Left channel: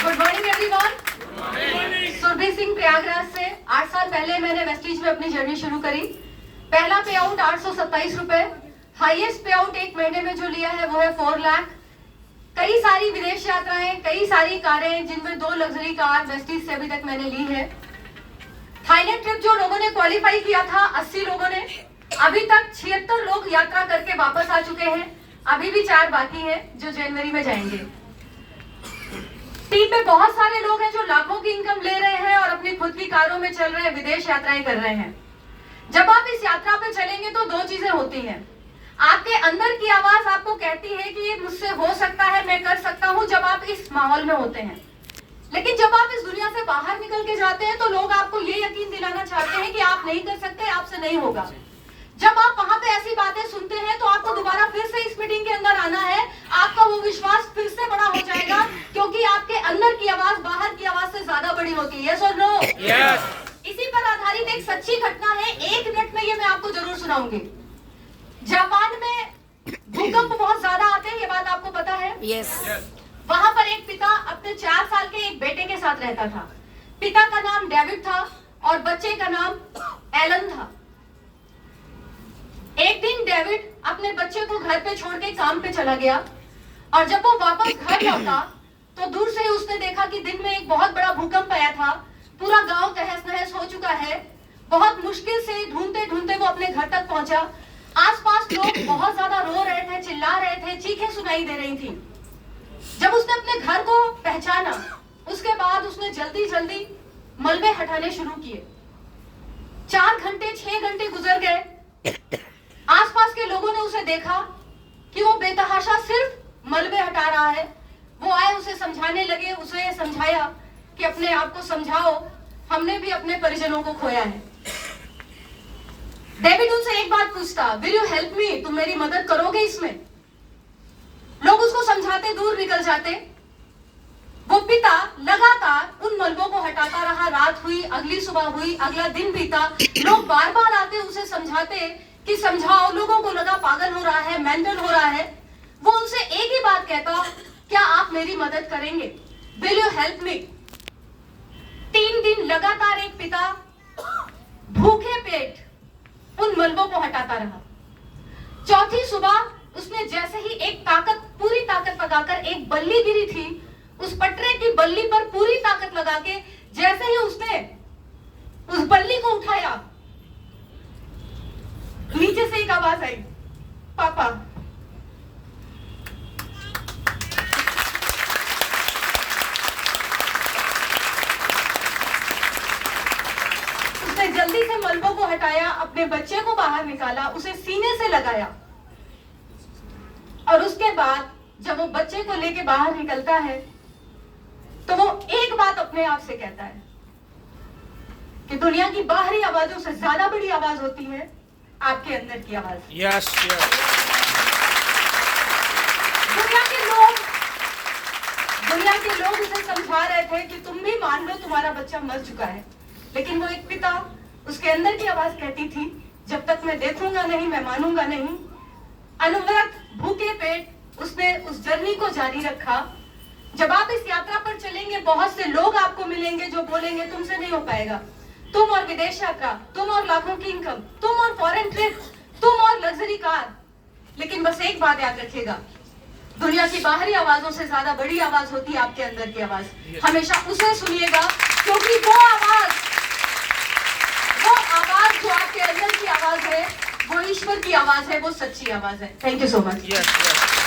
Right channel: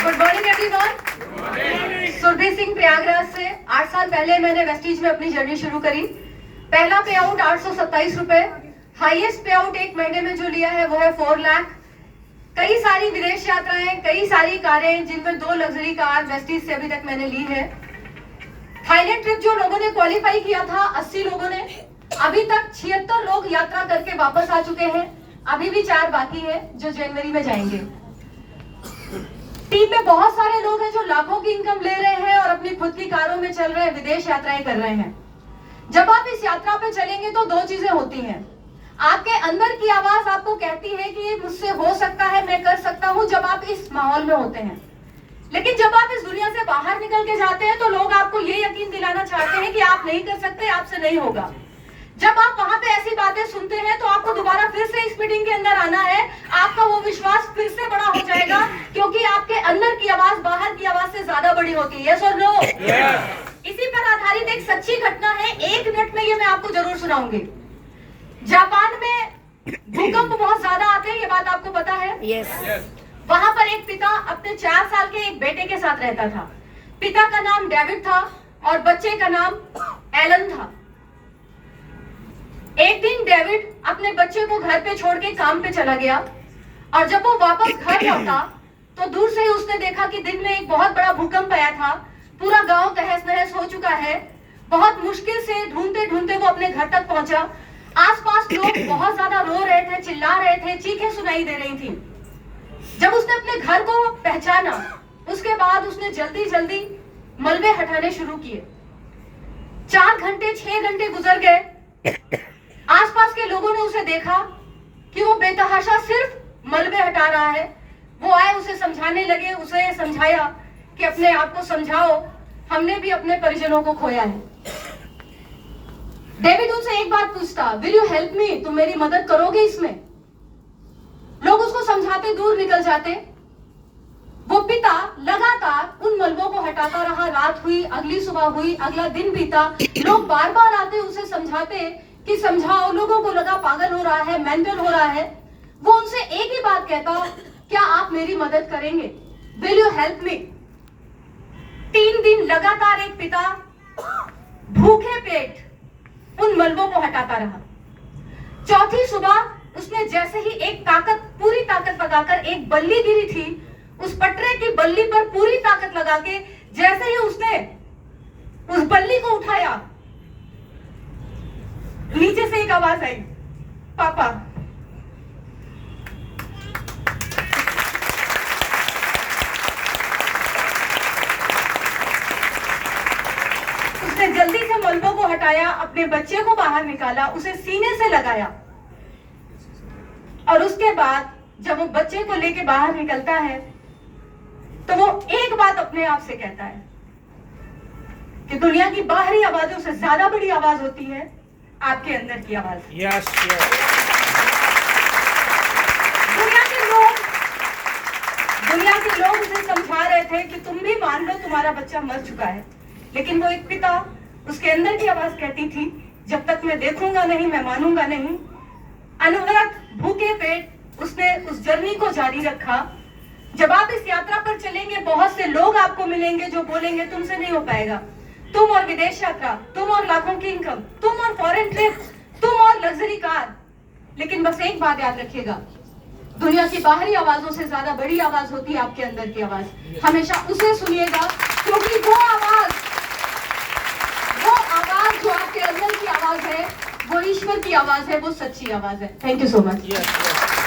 Good morning everyone. Surabhi Singh Prayagraj से 8 साल पहले मैंने वेस्टिज में अपनी जर्नी शुरू करी। पहला पे आउट 827 रुपए, हाईएस्ट पे आउट एक महीने में जो लिया है वो है 4 लाख। कई सारी विदेश यात्राएं, कई सारी कारें, जिनमें 2 लग्जरी कार वेस्टिज से अभी तक मैंने ली है। थाईलैंड ट्रिप जो लोगों ने क्वालिफाई किया था 80 लोगों ने, अभी तक 76 लोग यात्रा करके वापस आ चुके हैं। अभी भी 4 बाकी है जो जनवरी में जाएंगे। टीम में बहुत सारे लोग हैं जो लाखों की इनकम ले रहे हैं और अपनी खुद की कारों में चल रहे हैं, विदेश यात्राएं कर रहे हैं। जब आप इस यात्रा पे चलेंगे तो 2 चीजें होती हैं। आपके अंदर की आवाज आपको कहती है कि ये मुझसे हो सकता है, मैं कर सकता हूं, जब आप इस माहौल में होते हैं। लेकिन जब आप इस दुनिया से बाहर निकल के जाते हैं तो लोग आपको ये यकीन दिलाना चाहते हैं कि आप नहीं कर सकते, आपसे नहीं होगा। जब आप वहां पे ऐसी बातें सुनते हैं तो आपको दोबारा फिर से इस मीटिंग के अंदर आना है। आपका वो विश्वास फिर से बड़ा हो जाएगा, क्योंकि आपके अंदर की आवाज बाहर की आवाज से ज्यादा बड़ी होती है। यस और नो? इसी पर आधारित एक सच्ची घटना है, 1 मिनट में ये मैं आपको जरूर सुनाऊंगी। जापान में भूकंप बहुत ज्यादा आते हैं, ये बात आपको पता है? यस। वहां पर एक पिता अपने 4 साल के एक बेटे के साथ रहता था। पिता का नाम डेविड था और बच्चे का नाम एलन था। एक दिन डेविड अपने बच्चे को घर पे छोड़ के काम पे चला गया और जब वो वापस घर लौटा तो दूर से ही उसने देखा कि दिन में एक बहुत बड़ा भूकंप आया था। पूरा गांव तहस नहस हो चुका है। बहुत मुश्किल से ढूंढते ढूंढते वो अपने घर तक पहुंचा। आसपास लोग बहुत ज्यादा रो रहे थे, चिल्ला रहे थे, चीखें सुनाई दे रही थी। जब उसने अपने घर को पहचाना उसके बाद उसने जल्दी जल्दी मलबे हटाने शुरू किए। 4 घंटे 6 घंटे गुजर गए। आसपास के लोगों ने उसे देखा कि वो बेतहाशा सिर्फ मलबे हटा रहा है। वो आए, उसे समझाने लगे, उसे समझाया कि अपने आप को समझाओ, हमने भी अपने परिजनों को खोया है। डेविड उनसे एक बात पूछता, विल यू हेल्प मी? तुम मेरी मदद करोगे इसमें? लोग उसको समझाते दूर निकल जाते। वो पिता लगातार उन मलबों को हटाता रहा। रात हुई, अगली सुबह हुई, अगला दिन बीता। लोग बार बार आते, उसे समझाते कि समझाओ। लोगों को लगा पागल हो रहा है, मेंटल हो रहा है। वो उनसे एक ही बात कहता, क्या आप मेरी मदद करेंगे? Will you help me? 3 दिन लगातार एक पिता भूखे पेट उन मलबों को हटाता रहा। चौथी सुबह उसने जैसे ही एक पूरी ताकत लगाकर, एक बल्ली गिरी थी, उस पटरे की बल्ली पर पूरी ताकत लगा के जैसे ही उसने उस बल्ली को उठाया, नीचे से एक आवाज आई, पापा। उसने जल्दी से मलबों को हटाया, अपने बच्चे को बाहर निकाला, उसे सीने से लगाया और उसके बाद जब वो बच्चे को लेके बाहर निकलता है तो वो एक बात अपने आप से कहता है कि दुनिया की बाहरी आवाजों से ज्यादा बड़ी आवाज होती है आपके अंदर की आवाज। यस, दुनिया के लोग उसे समझा रहे थे कि तुम भी मान लो तुम्हारा बच्चा मर चुका है, लेकिन वो एक पिता, उसके अंदर की आवाज कहती थी, जब तक मैं देखूंगा नहीं, मैं मानूंगा नहीं। अनवरत भूखे पेट उसने उस जर्नी को जारी रखा। जब आप इस यात्रा पर चलेंगे, बहुत से लोग आपको मिलेंगे जो बोलेंगे तुमसे नहीं हो पाएगा। तुम और विदेश यात्रा, तुम और लाखों की इनकम, तुम और फॉरेन ट्रिप, तुम और लग्जरी कार। लेकिन बस एक बात याद रखिएगा, दुनिया की बाहरी आवाजों से ज्यादा बड़ी आवाज होती है आपके अंदर की आवाज। हमेशा उसे सुनिएगा, क्योंकि वो आवाज जो आपके अंदर की आवाज है, वो ईश्वर की आवाज है, वो सच्ची आवाज है। Thank you so much.